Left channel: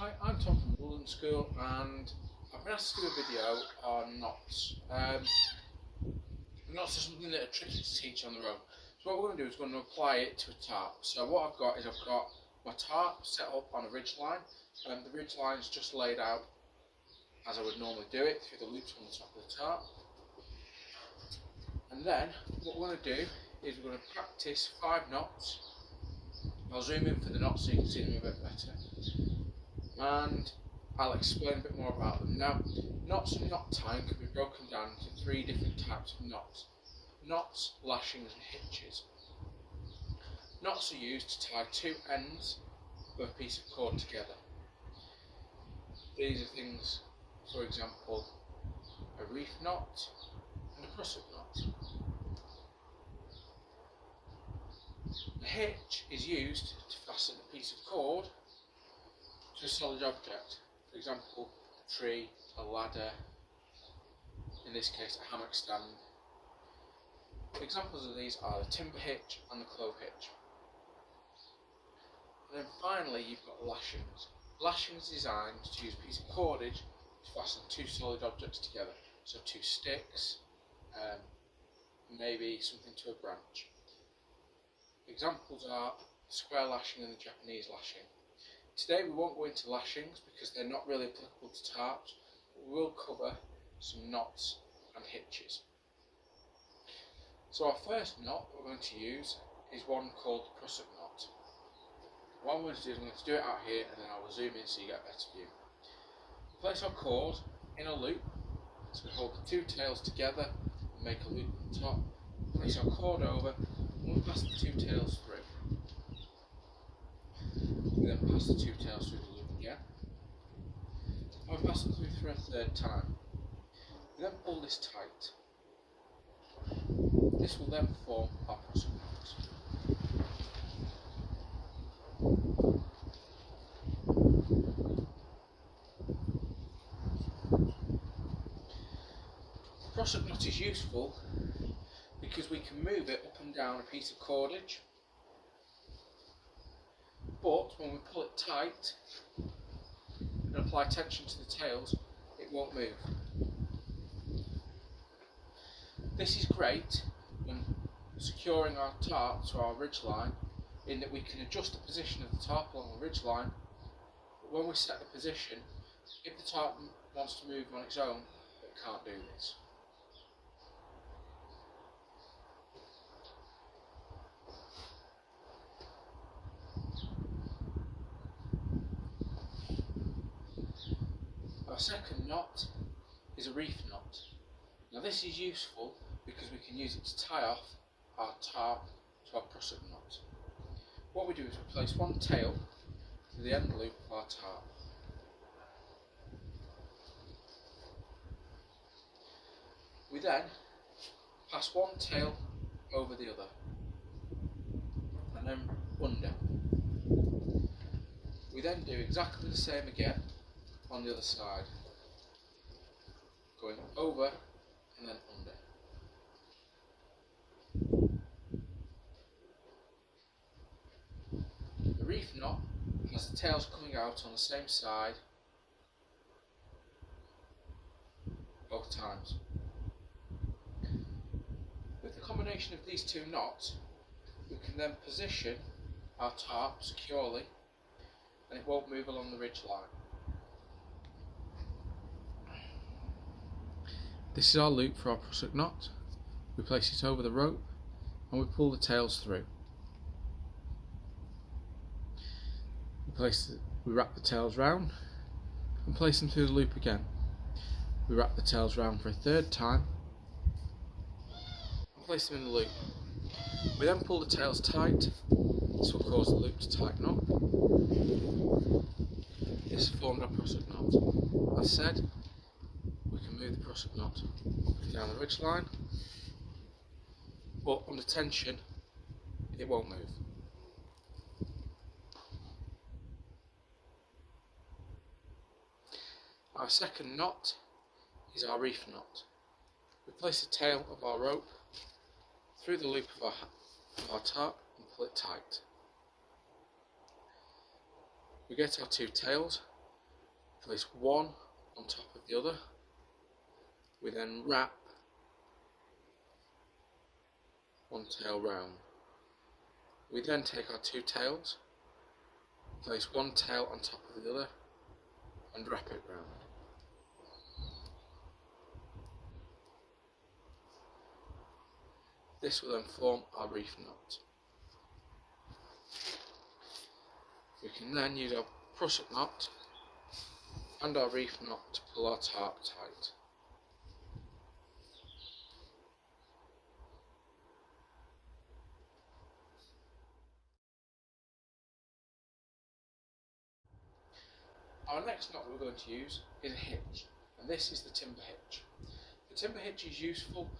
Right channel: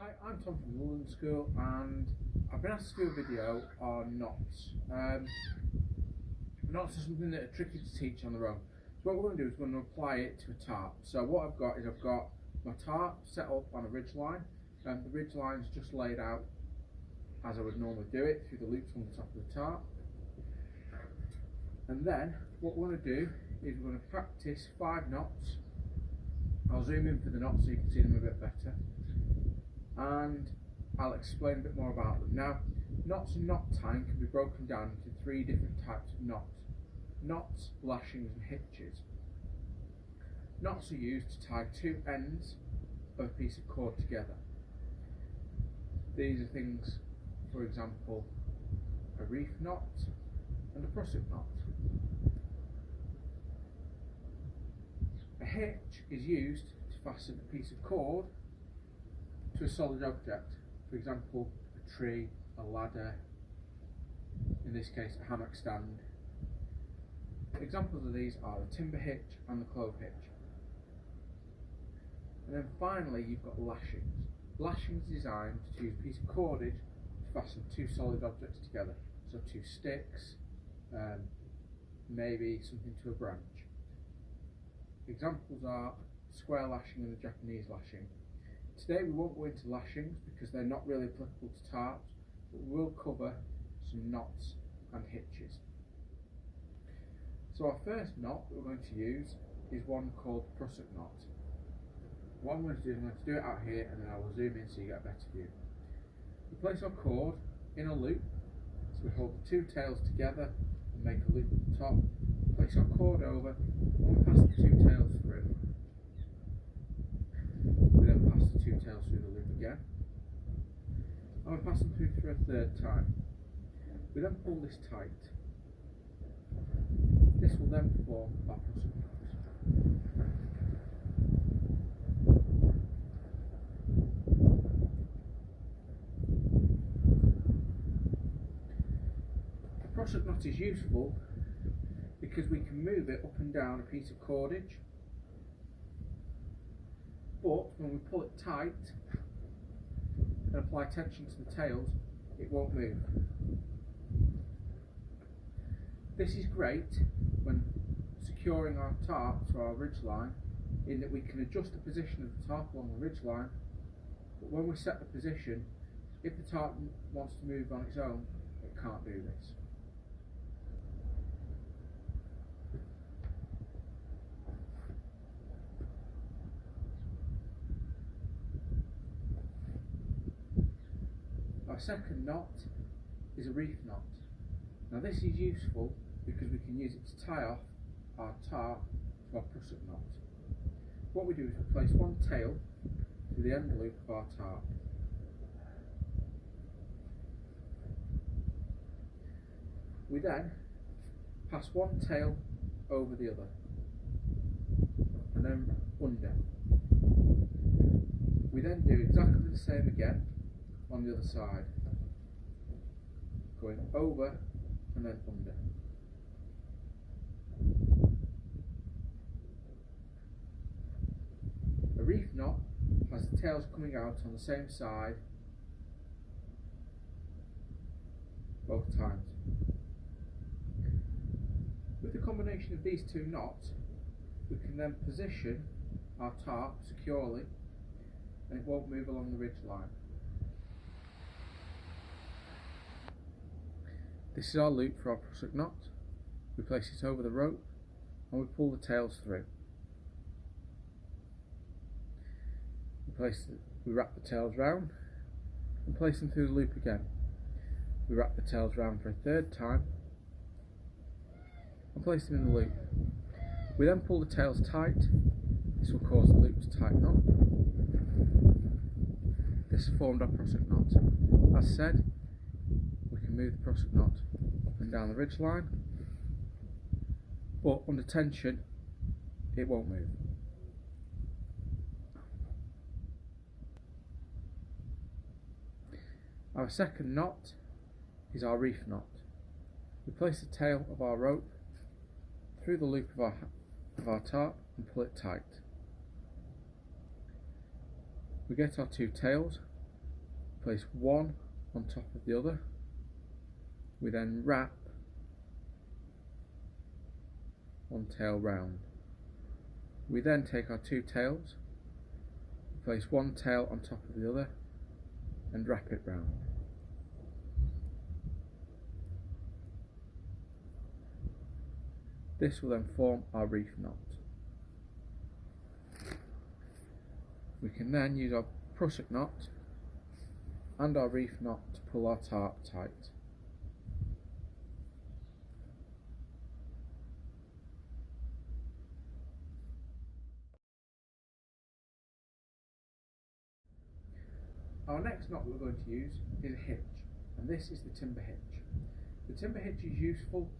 Hi, I'm Tom from the London School and I've been asked to do a video on knots. Knots are something that are tricky to teach on their own. So what we're going to do is we're going to apply it to a tarp. So what I've got is I've got my tarp set up on a ridge line, and the ridge line is just laid out as I would normally do it through the loops on the top of the tarp. And then what we're going to do is we're going to practice 5 knots. I'll zoom in for the knots so you can see them a bit better, and I'll explain a bit more about them. Now, knots and knot tying can be broken down into 3 different types of knots: knots, lashings and hitches. Knots are used to tie 2 ends of a piece of cord together. These are things, for example, a wreath knot and a prusik knot. A hitch is used to fasten a piece of cord to a solid object, for example a tree, a ladder, in this case a hammock stand. Examples of these are the timber hitch and the clove hitch. And then finally you've got lashings. Lashings are designed to use a piece of cordage to fasten 2 solid objects together, so 2 sticks, maybe something to a branch. Examples are the square lashing and the Japanese lashing. Today we won't go into lashings because they're not really applicable to tarps, but we will cover some knots and hitches. So our first knot that we're going to use is one called the prusik knot. What I'm going to do is I'm going to do it out here and then I will zoom in so you get a better view. We place our cord in a loop, so we hold the 2 tails together and make a loop at the top. Place our cord over and we pass the 2 tails through. We then pass the 2 tails through the loop again, and we pass them through for a 3rd time. We then pull this tight. This will then form our prusik knot. The prusik knot is useful because we can move it up and down a piece of cordage, but when we pull it tight and apply tension to the tails, it won't move. This is great when securing our tarp to our ridge line, in that we can adjust the position of the tarp along the ridge line, but when we set the position, if the tarp wants to move on its own, it can't do this. Our second knot is a wreath knot. Now this is useful because we can use it to tie off our tarp to our prusik knot. What we do is we place one tail through the end loop of our tarp. We then pass one tail over the other and then under. We then do exactly the same again on the other side, going over and then under. A wreath knot has the tails coming out on the same side both times. With the combination of these 2 knots, we can then position our tarp securely and it won't move along the ridge line. This is our loop for our prusik knot. We place it over the rope and we pull the tails through. We wrap the tails round and place them through the loop again. We wrap the tails round for a 3rd time and place them in the loop. We then pull the tails tight. This will cause the loop to tighten up. This has formed our prusik knot. As said, we can move the prusik knot up and down the ridge line, but under tension it won't move. Our second knot is our wreath knot. We place the tail of our rope through the loop of our tarp and pull it tight. We get our 2 tails place one on top of the other. We then wrap one tail round. We then take our two tails, place one tail on top of the other and wrap it round. This will then form our wreath knot. We can then use our prusik knot and our wreath knot to pull our tarp tight. Our next knot that we're going to use is a hitch, and this is the timber hitch. The timber hitch is useful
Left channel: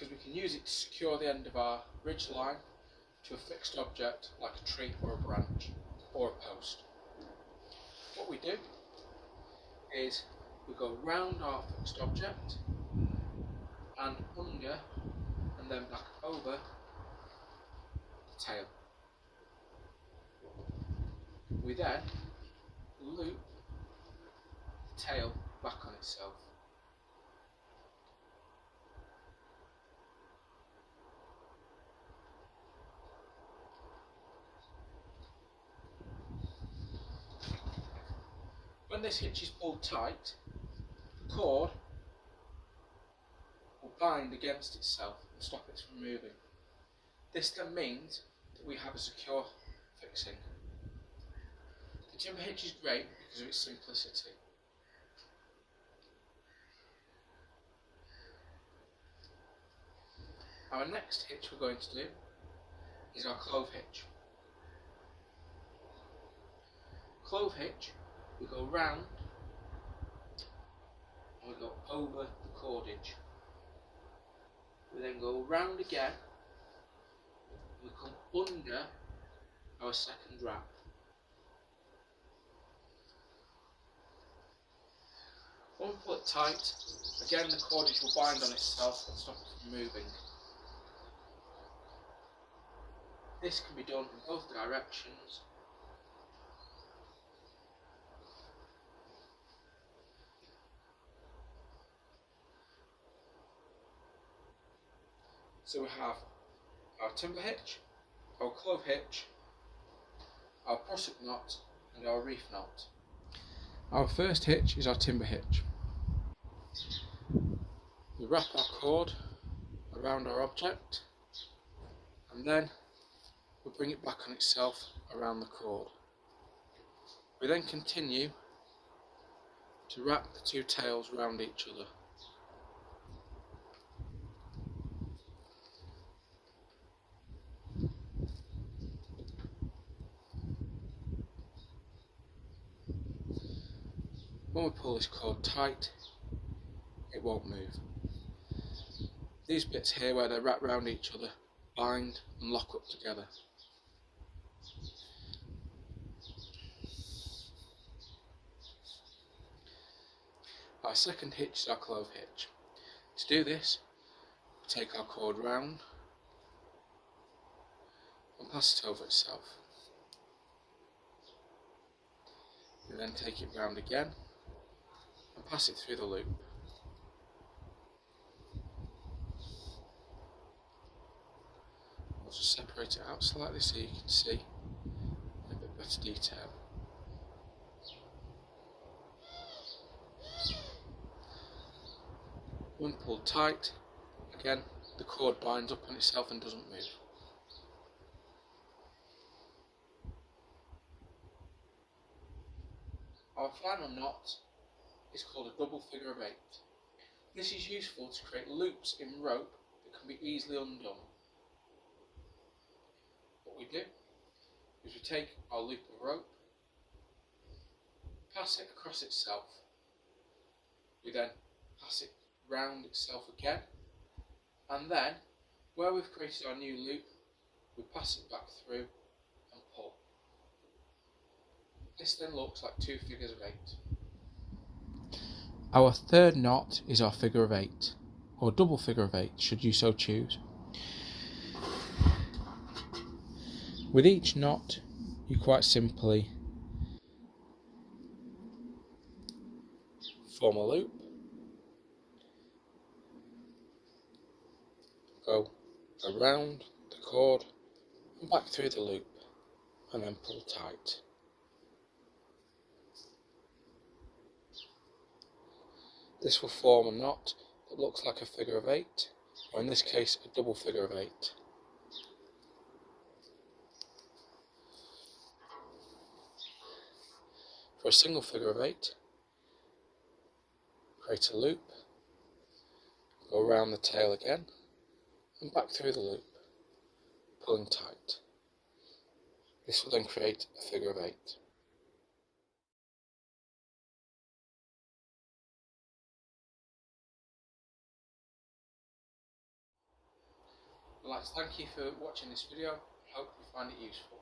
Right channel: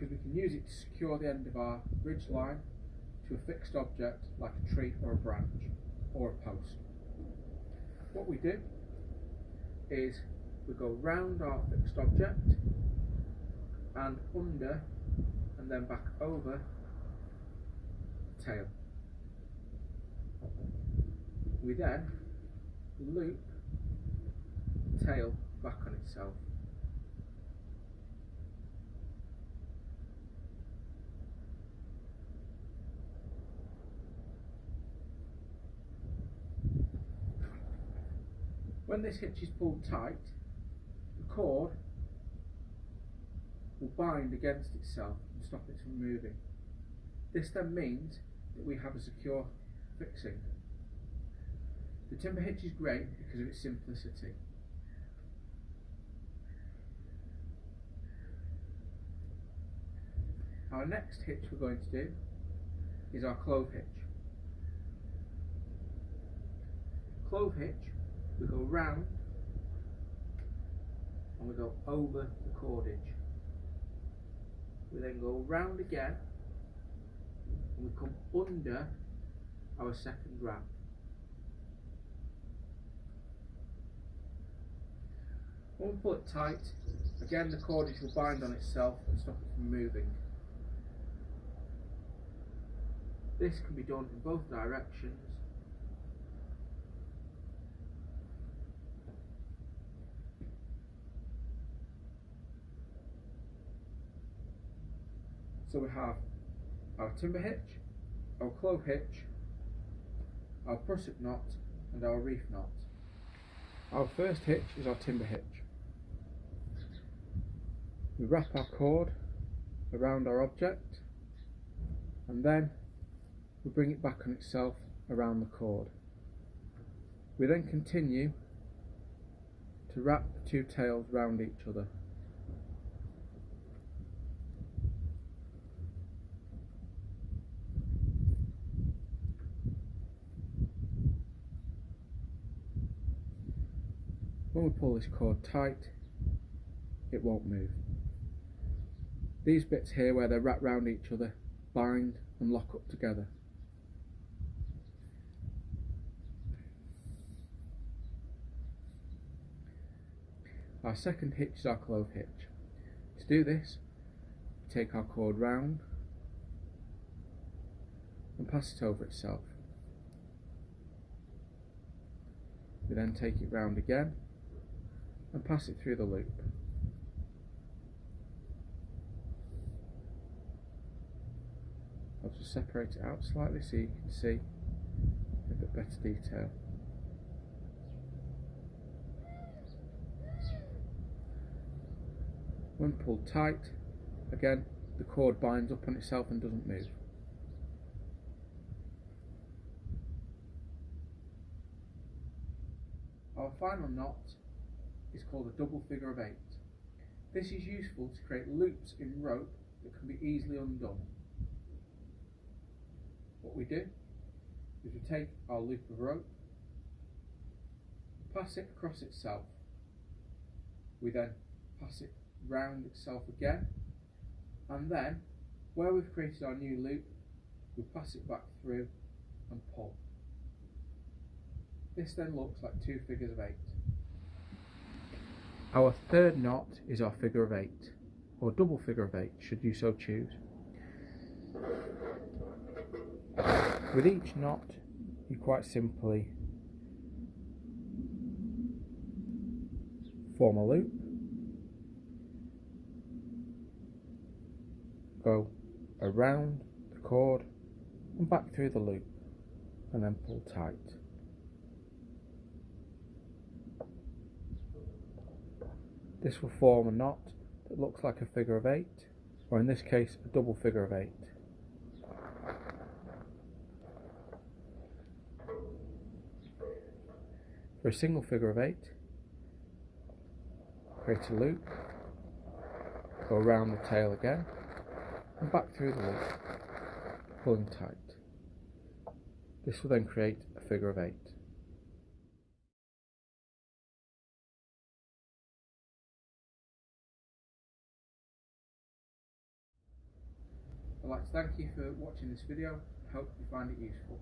because we can use it to secure the end of our ridge line to a fixed object like a tree or a branch or a post. What we do is we go round our fixed object and under and then back over the tail. We then loop the tail back on itself. When this hitch is pulled tight, the cord will bind against itself and stop it from moving. This then means that we have a secure fixing. The timber hitch is great because of its simplicity. Our next hitch we're going to do is our clove hitch. Clove hitch, we go round and we go over the cordage. We then go round again and we come under our second wrap. When we pull it tight, again the cordage will bind on itself and stop it from moving. This can be done in both directions. So we have our timber hitch, our clove hitch, our prusik knot and our wreath knot. Our first hitch is our timber hitch. We wrap our cord around our object and then we bring it back on itself around the cord. We then continue to wrap the two tails round each other. When we pull this cord tight, it won't move. These bits here where they're wrapped round each other bind and lock up together. Our second hitch is our clove hitch. To do this, we take our cord round and pass it over itself. We then take it round again and pass it through the loop. I'll just separate it out slightly so you can see a bit better detail. When pulled tight, again the cord binds up on itself and doesn't move. Our final knot is called a double figure of 8. This is useful to create loops in rope that can be easily undone. What we do is we take our loop of rope, pass it across itself, we then pass it round itself again, and then where we've created our new loop we pass it back through and pull. This then looks like two figures of 8. Our third knot is our figure of 8, or double figure of 8 should you so choose. With each knot you quite simply form a loop, go around the cord and back through the loop, and then pull tight. This will form a knot that looks like a figure of 8, or in this case a double figure of 8. For a single figure of 8, create a loop, go around the tail again and back through the loop, pulling tight. This will then create a figure of 8. I'd like to thank you for watching this video. I hope you find it useful.